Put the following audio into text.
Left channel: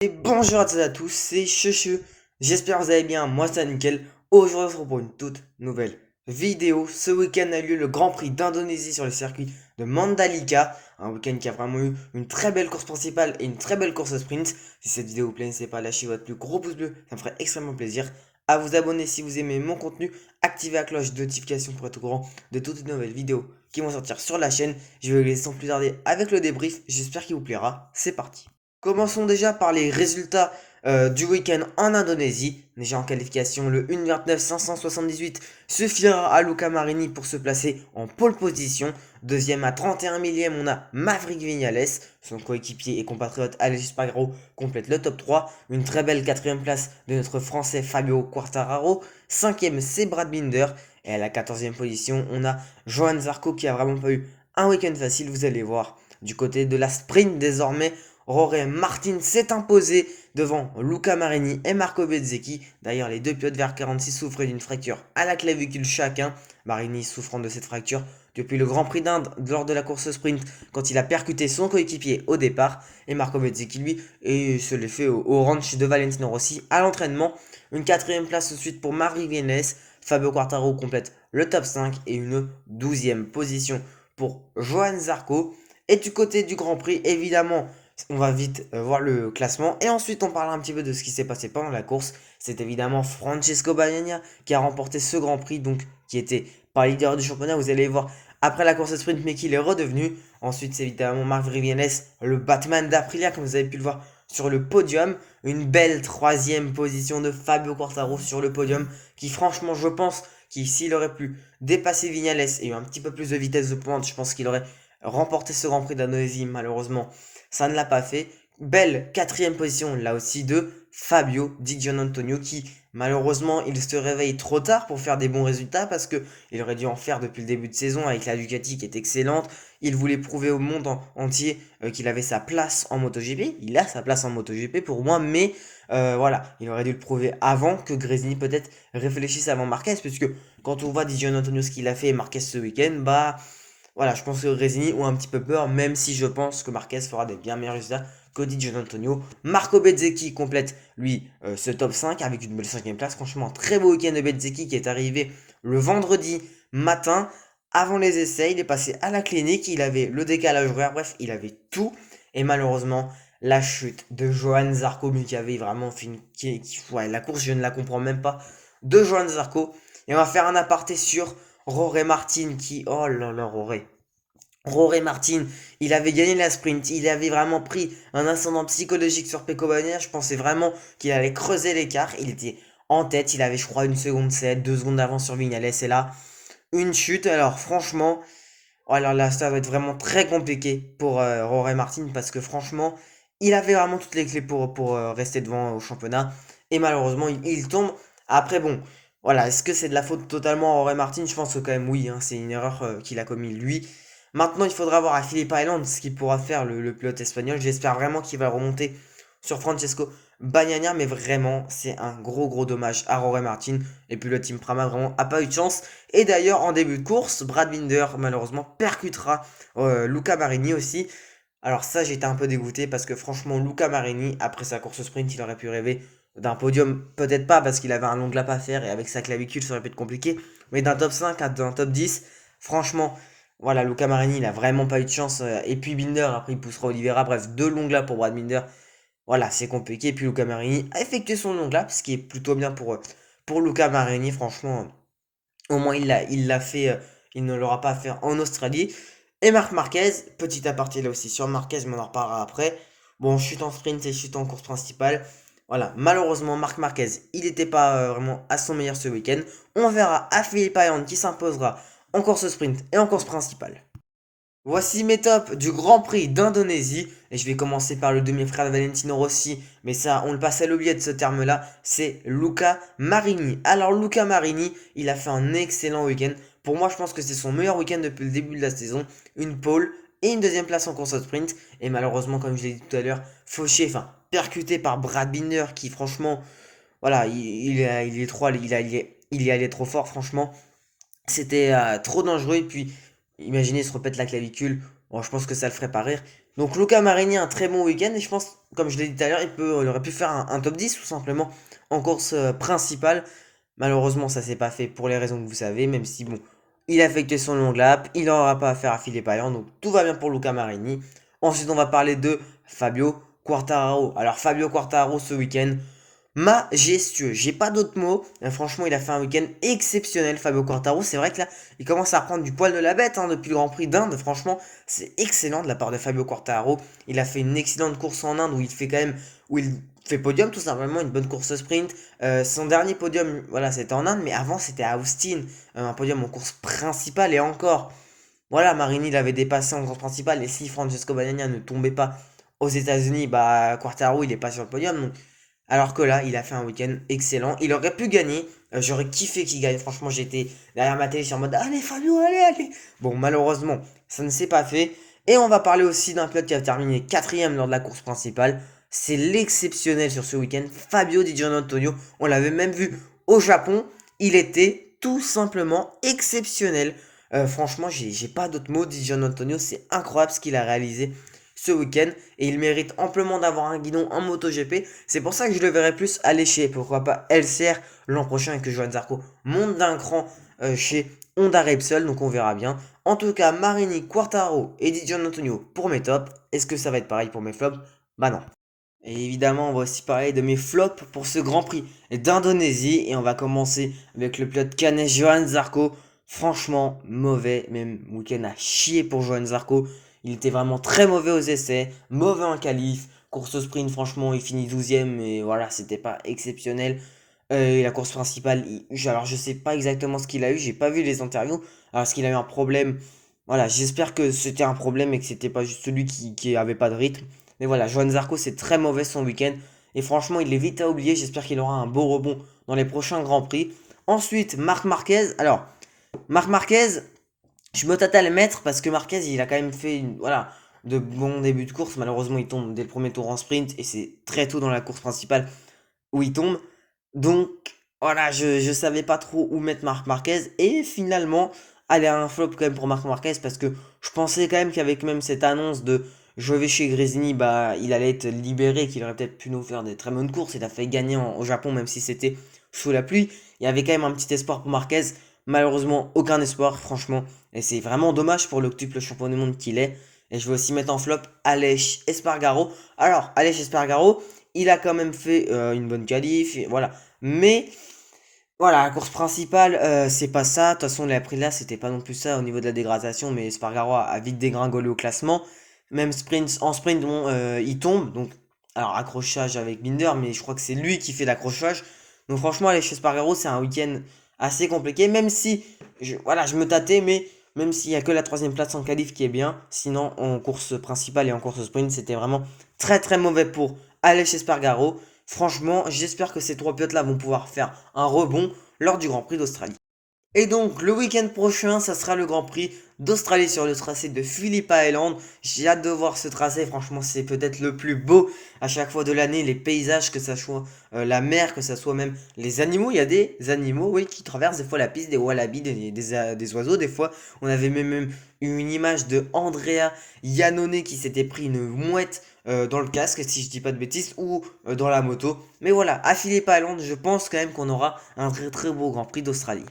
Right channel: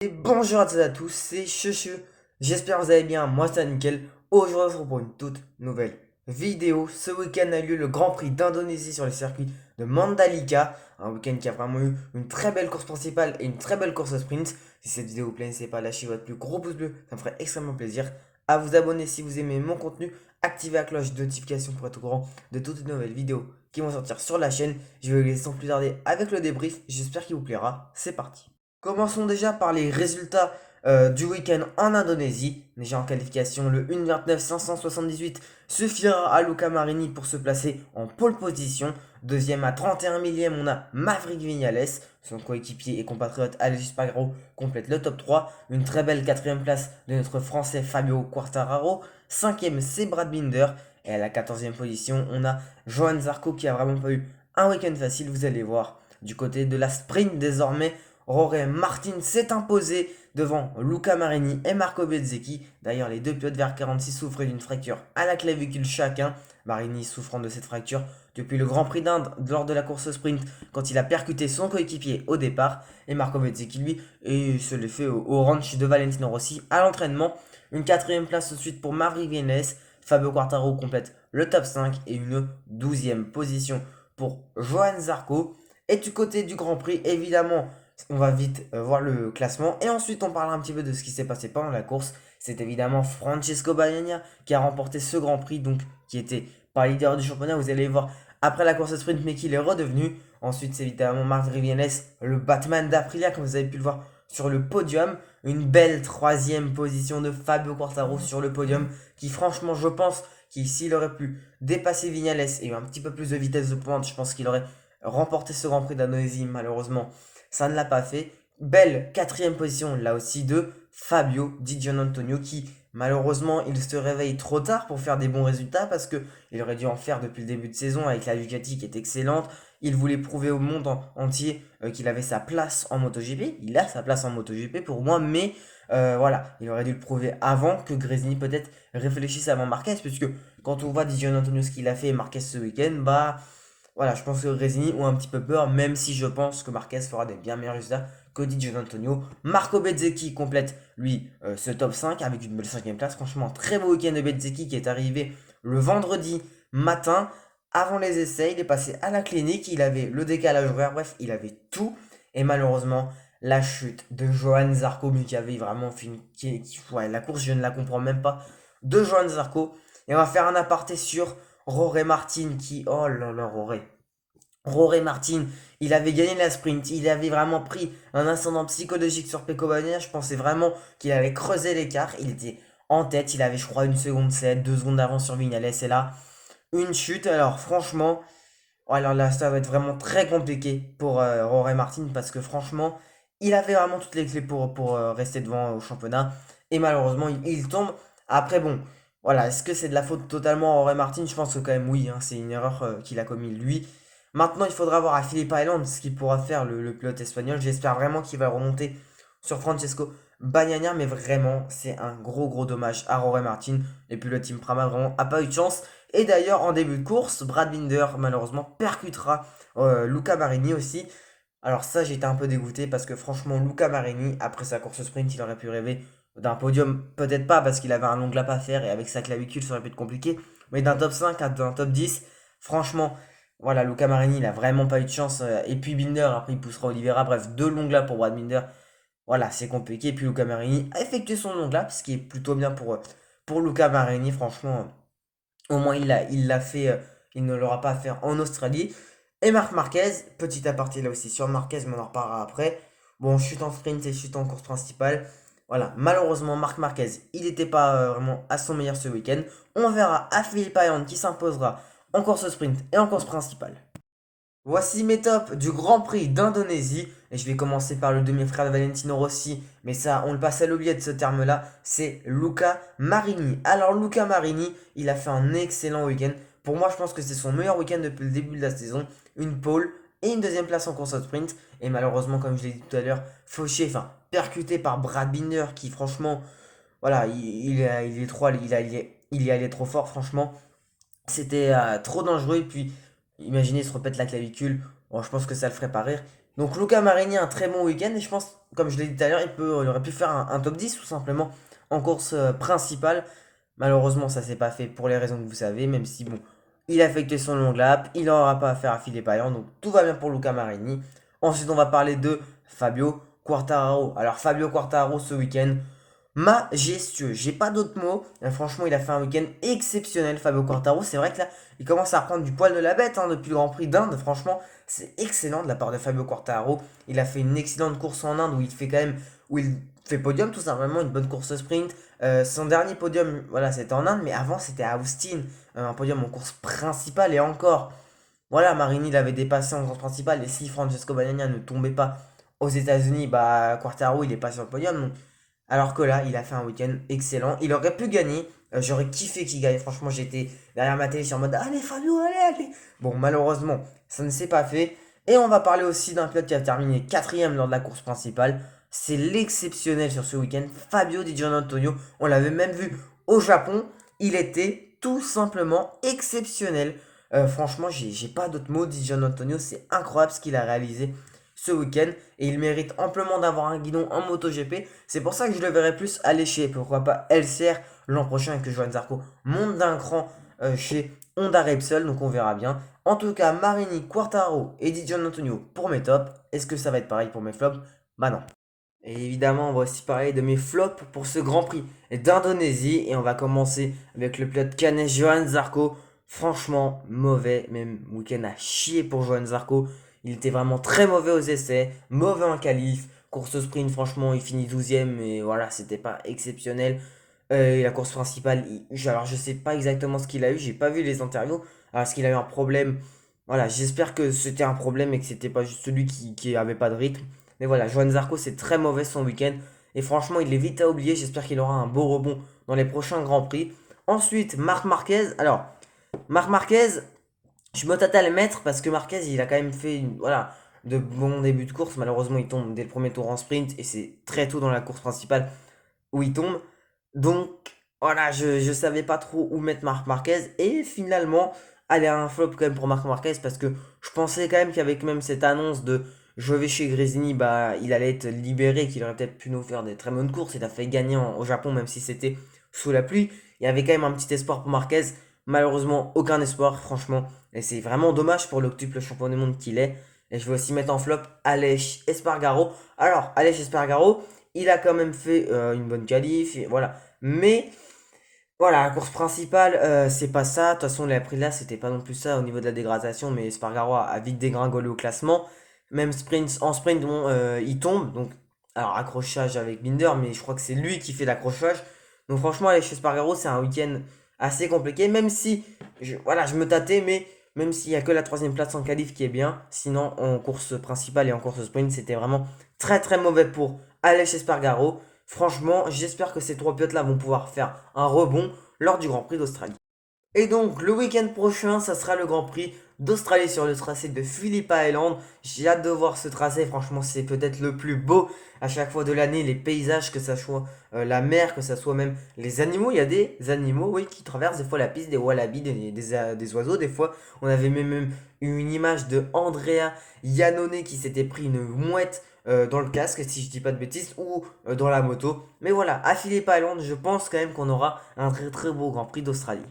Et bonjour à toutes et à tous, c'est Chuchu. J'espère que vous allez bien, moi c'est nickel. Aujourd'hui on se retrouve pour une toute nouvelle vidéo. Ce week-end a eu lieu le Grand Prix d'Indonésie sur le circuit de Mandalika. Un week-end qui a vraiment eu une très belle course principale et une très belle course au sprint. Si cette vidéo vous plaît, n'hésitez pas à lâcher votre plus gros pouce bleu, ça me ferait extrêmement plaisir. À vous abonner si vous aimez mon contenu, activez la cloche de notification pour être au courant de toutes les nouvelles vidéos qui vont sortir sur la chaîne. Je vais vous laisser sans plus tarder avec le débrief, j'espère qu'il vous plaira. C'est parti. Commençons déjà par les résultats du week-end en Indonésie. Déjà en qualification, le 1,29,578 suffira à Luca Marini pour se placer en pole position. Deuxième à 31 millième, on a Maverick Viñales. Son coéquipier et compatriote Aleix Espargaro complète le top 3. Une très belle quatrième place de notre Français Fabio Quartararo. Cinquième, c'est Brad Binder. Et à la 14e position, on a Johan Zarco qui a vraiment pas eu un week-end facile, vous allez voir. Du côté de la sprint désormais, Jorge Martin s'est imposé devant Luca Marini et Marco Bezzecchi. D'ailleurs, les deux pilotes vers 46 souffraient d'une fracture à la clavicule chacun. Marini souffrant de cette fracture depuis le Grand Prix d'Inde lors de la course sprint quand il a percuté son coéquipier au départ. Et Marco Bezzecchi, lui, et se l'est fait au ranch de Valentino Rossi à l'entraînement. Une quatrième place ensuite pour Marie Viennes. Fabio Quartaro complète le top 5 et une 12e position pour Johan Zarco. Et du côté du Grand Prix, évidemment, on va vite voir le classement et ensuite on parlera un petit peu de ce qui s'est passé pendant la course. C'est évidemment Francesco Bagnaia qui a remporté ce Grand Prix, donc qui était pas leader du championnat. Vous allez voir après la course sprint, mais qu'il est redevenu. Ensuite, c'est évidemment Marc Vivianes, le Batman d'Aprilia, comme vous avez pu le voir sur le podium. Une belle troisième position de Fabio Quartaro sur le podium, qui franchement, je pense, qu'il s'il aurait pu dépasser Vignales et eu un petit peu plus de vitesse de pointe, je pense qu'il aurait remporté ce Grand Prix d'Indonésie. Malheureusement, ça ne l'a pas fait. Belle quatrième position, là aussi, de Fabio Di Giannantonio qui, malheureusement, il se réveille trop tard pour faire des bons résultats parce que il aurait dû en faire depuis le début de saison avec la Ducati qui est excellente. Il voulait prouver au monde entier qu'il avait sa place en MotoGP. Il a sa place en MotoGP pour moi, mais voilà, il aurait dû le prouver avant que Gresini peut-être réfléchisse avant Marquez, puisque quand on voit Di Giannantonio ce qu'il a fait et Marquez ce week-end, bah voilà, je pense que Gresini ont un petit peu peur, même si je pense que Marquez fera des bien meilleurs résultats que Di Giannantonio. Marco Bezzecchi complète, lui, ce top 5 avec une belle cinquième place. Franchement, très beau week-end de Bezzecchi qui est arrivé le vendredi matin. Avant les essais, il est passé à la clinique, il avait le décalage horaire, bref, il avait tout. Et malheureusement, la chute de Johan Zarco, lui qui avait vraiment fait ouais, la course, je ne la comprends même pas, de Johan Zarco. Et on va faire un aparté sur Roré Martin qui, oh là là, Roré Martin, il avait gagné la sprint, il avait vraiment pris un ascendant psychologique sur Pecco Bagnaia. Je pensais vraiment qu'il allait creuser l'écart. Il était en tête, il avait, je crois, une seconde 7, 2 secondes d'avance sur Vignales. Et là, une chute. Alors, franchement, oh, alors là, ça va être vraiment très compliqué pour Roré Martin parce que, franchement, il avait vraiment toutes les clés pour rester devant au championnat. Et malheureusement, il tombe. Après, bon, voilà, est-ce que c'est de la faute totalement à Roré Martin? Je pense que quand même, oui, hein, c'est une erreur qu'il a commis lui. Maintenant, il faudra voir à Philippe Island ce qu'il pourra faire le pilote espagnol. J'espère vraiment qu'il va remonter sur Francesco Bagnaia, mais vraiment, c'est un gros gros dommage à Rory Martin. Et puis le team Prama vraiment a pas eu de chance. Et d'ailleurs, en début de course, Brad Binder malheureusement percutera Luca Marini aussi. Alors ça, j'étais un peu dégoûté parce que franchement, Luca Marini, après sa course sprint, il aurait pu rêver d'un podium, peut-être pas parce qu'il avait un long lap à faire et avec sa clavicule, ça aurait pu être compliqué, mais d'un top 5 à d'un top 10, franchement, voilà, Luca Marini, il a vraiment pas eu de chance. Et puis Binder, après, il poussera Oliveira, bref, deux longs laps pour Brad Binder. Voilà, c'est compliqué. Et puis Luca Marini a effectué son long lap, ce qui est plutôt bien pour Luca Marini, franchement. Au moins, il l'a fait, il ne l'aura pas à faire en Australie. Et Marc Marquez, petit aparté là aussi sur Marquez, mais on en reparlera après. Bon, chute en sprint et chute en course principale. Voilà, malheureusement, Marc Marquez, il n'était pas vraiment à son meilleur ce week-end. On verra à Philippe Island qui s'imposera en course sprint et en course principale. Voici mes tops du Grand Prix d'Indonésie. Et je vais commencer par le demi-frère de Valentino Rossi. Mais ça, on le passe à l'oubliette ce terme-là. C'est Luca Marini. Alors, Luca Marini, il a fait un excellent week-end. Pour moi, je pense que c'est son meilleur week-end depuis le début de la saison. Une pole et une deuxième place en course au sprint. Et malheureusement, comme je l'ai dit tout à l'heure, fauché, enfin, percuté par Brad Binder qui, franchement, voilà, il est trop, il y allait trop fort, franchement. C'était trop dangereux. Et puis, imaginez se repète la clavicule. Bon, je pense que ça le ferait pas rire. Donc Luca Marini a un très bon week-end et je pense, comme je l'ai dit tout à l'heure, il aurait pu faire un top 10 tout simplement en course principale. Malheureusement, ça s'est pas fait pour les raisons que vous savez, même si bon, il a effectué son long lap, il n'aura pas à faire à Philippe Payan, donc tout va bien pour Luca Marini. Ensuite, on va parler de Fabio Quartararo. Alors Fabio Quartararo ce week-end, majestueux. J'ai pas d'autres mots. Franchement, il a fait un week-end exceptionnel, Fabio Quartaro. C'est vrai que là, il commence à reprendre du poil de la bête hein, depuis le Grand Prix d'Inde. Franchement, c'est excellent de la part de Fabio Quartaro. Il a fait une excellente course en Inde où il fait quand même, où il fait podium tout simplement, une bonne course sprint. Son dernier podium, voilà, c'était en Inde, mais avant c'était à Austin, un podium en course principale et encore. Voilà, Marini l'avait dépassé en course principale et si Francesco Bagnaia ne tombait pas aux États-Unis, bah Quartaro il est pas sur le podium. Donc alors que là, il a fait un week-end excellent. Il aurait pu gagner. J'aurais kiffé qu'il gagne. Franchement, j'étais derrière ma télé, je suis en mode allez, Fabio, allez, allez. Bon, malheureusement, ça ne s'est pas fait. Et on va parler aussi d'un pilote qui a terminé quatrième lors de la course principale. C'est l'exceptionnel sur ce week-end, Fabio Di Giannantonio. On l'avait même vu au Japon. Il était tout simplement exceptionnel. Franchement, j'ai pas d'autres mots. Di Giannantonio, c'est incroyable ce qu'il a réalisé ce week-end et il mérite amplement d'avoir un guidon en MotoGP. C'est pour ça que je le verrai plus aller chez, pourquoi pas, LCR l'an prochain et que Johan Zarco monte d'un cran chez Honda Repsol, donc on verra bien. En tout cas, Marini, Quartaro et Di Giannantonio pour mes tops. Est-ce que ça va être pareil pour mes flops? Bah non. Et évidemment, on va aussi parler de mes flops pour ce Grand Prix d'Indonésie. Et on va commencer avec le pilote canet Johan Zarco. Franchement, mauvais. Même week-end à chier pour Johan Zarco. Il était vraiment très mauvais aux essais, mauvais en qualif. Course au sprint, franchement, il finit 12e. Et voilà, c'était pas exceptionnel. Et la course principale, alors je sais pas exactement ce qu'il a eu. J'ai pas vu les interviews. Alors, est-ce qu'il a eu un problème? Voilà, j'espère que c'était un problème et que c'était pas juste celui qui avait pas de rythme. Mais voilà, Johan Zarco, c'est très mauvais son week-end. Et franchement, il est vite à oublier. J'espère qu'il aura un beau rebond dans les prochains Grands Prix. Ensuite, Marc Marquez. Alors, Marc Marquez, je me tâte à le mettre parce que Marquez, il a quand même fait voilà, de bons débuts de course. Malheureusement, il tombe dès le premier tour en sprint. Et c'est très tôt dans la course principale où il tombe. Donc, voilà, je savais pas trop où mettre Marc Marquez. Et finalement, aller à un flop quand même pour Marc Marquez parce que je pensais quand même qu'avec même cette annonce de je vais chez Grésini, bah, il allait être libéré, qu'il aurait peut-être pu nous faire des très bonnes courses. Il a fait gagner au Japon, même si c'était sous la pluie. Il y avait quand même un petit espoir pour Marquez. Malheureusement, aucun espoir, franchement. Et c'est vraiment dommage pour l'octuple champion du monde qu'il est. Et je vais aussi mettre en flop Aleix Espargaro. Alors, Aleix Espargaro, il a quand même fait une bonne qualif, et voilà. Mais voilà, la course principale, c'est pas ça. De toute façon, il a pris là, c'était pas non plus ça au niveau de la dégradation, mais Espargaro a vite dégringolé au classement. Même sprint, en sprint, bon, il tombe. Donc, alors accrochage avec Binder, mais je crois que c'est lui qui fait l'accrochage. Donc franchement, aller chez Espargaro, c'est un week-end assez compliqué. Même si, voilà, je me tâtais, mais même s'il y a que la troisième place en qualif qui est bien. Sinon, en course principale et en course sprint, c'était vraiment très très mauvais pour Aleix Espargaro. Franchement, j'espère que ces trois pilotes-là vont pouvoir faire un rebond lors du Grand Prix d'Australie. Et donc, le week-end prochain, ça sera le Grand Prix d'Australie sur le tracé de Phillip Island. J'ai hâte de voir ce tracé. Franchement, c'est peut-être le plus beau à chaque fois de l'année. Les paysages, que ça soit la mer, que ça soit même les animaux. Il y a des animaux, oui, qui traversent des fois la piste, des wallabies, des oiseaux. Des fois, on avait même eu une image de Andrea Iannone qui s'était pris une mouette dans le casque, si je dis pas de bêtises, ou dans la moto. Mais voilà, à Phillip Island, je pense quand même qu'on aura un très très beau Grand Prix d'Australie.